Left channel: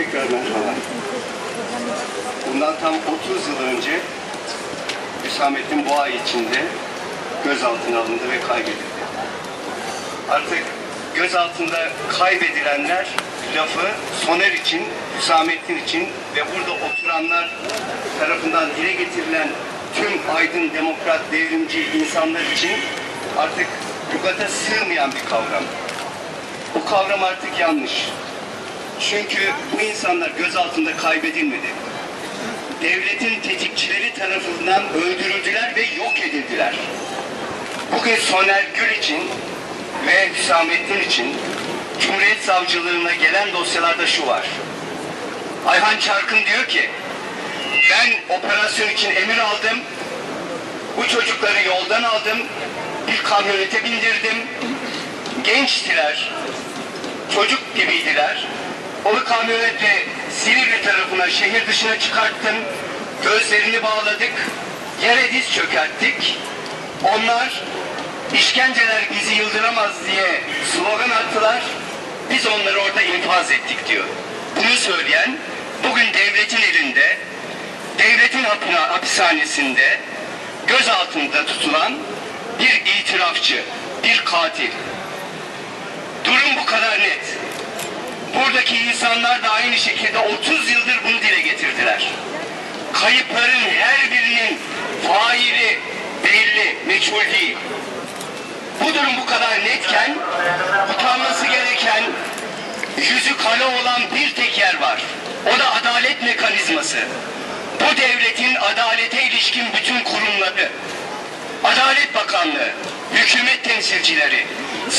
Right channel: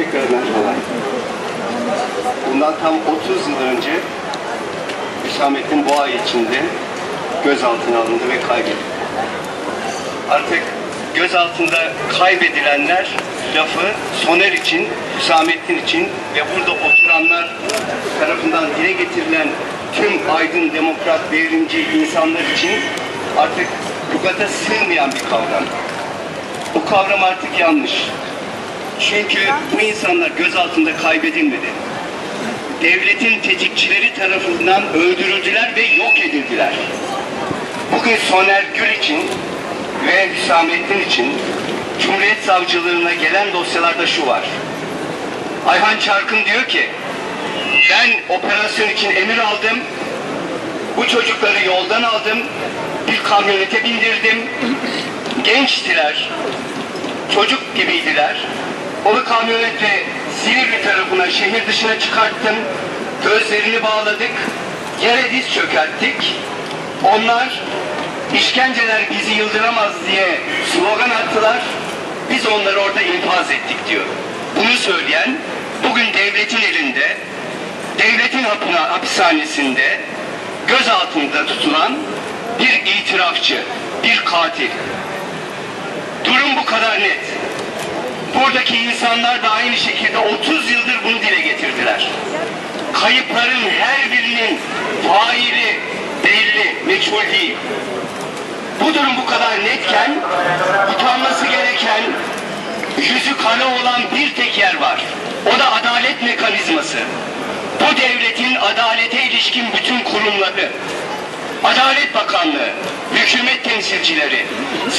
Tekrar merhaba. Bundan tam 30 yıl önce Hüsamettin ay içinde gözaltına alındı ve kaybedildi. Artık gözaltında kaybedilenler lafı Soner için, Hüsamettin için ve burada oturanlar tarafından dile getirilen tüm aydın, demokrat, devrimci insanlar için artık lügata sığmayan bir kavram. Bu kavram artık yanlış. Çünkü bu insanlar gözaltında kaybedilmedi. Devletin tetikçileri tarafından öldürüldüler ve yok edildiler. Bugün Soner Gül için ve Hüsamettin için Cumhuriyet Savcılığına gelen dosyalarda şu var. Ayhan Çarkın diyor ki ben operasyon için emir aldım. Bu çocukları yoldan aldım. Bir kamyonete bindirdim. Gençtiler. Çocuk gibiydiler. Onu kamyonetle Silivri tarafına, şehir dışına çıkarttım. Gözlerini bağladık. Yere diz çökerttik. Onlar işkenceler bizi yıldıramaz diye slogan attılar. Biz onları orada infaz ettik diyor. Bunu söyleyen bugün devletin elinde, devletin hapishanesinde gözaltında tutulan bir itirafçı, bir katil. Durum bu kadar net. Buradaki insanlar da aynı şekilde 30 yıldır bunu dile getirdiler. Kayıpların her birinin faili belli, meçhul değil. Bu durum bu kadar netken utanması gereken yüzü kara olan bir tek yer var. O da adalet mekanizması. Bu devletin adalete ilişkin bütün kurumları, Adalet Bakanlığı, hükümet temsilcileri,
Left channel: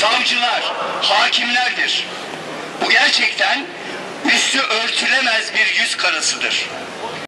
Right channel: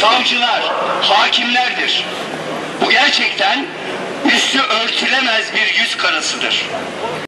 savcılar, hakimlerdir. Bu gerçekten üstü örtülemez bir yüz karasıdır.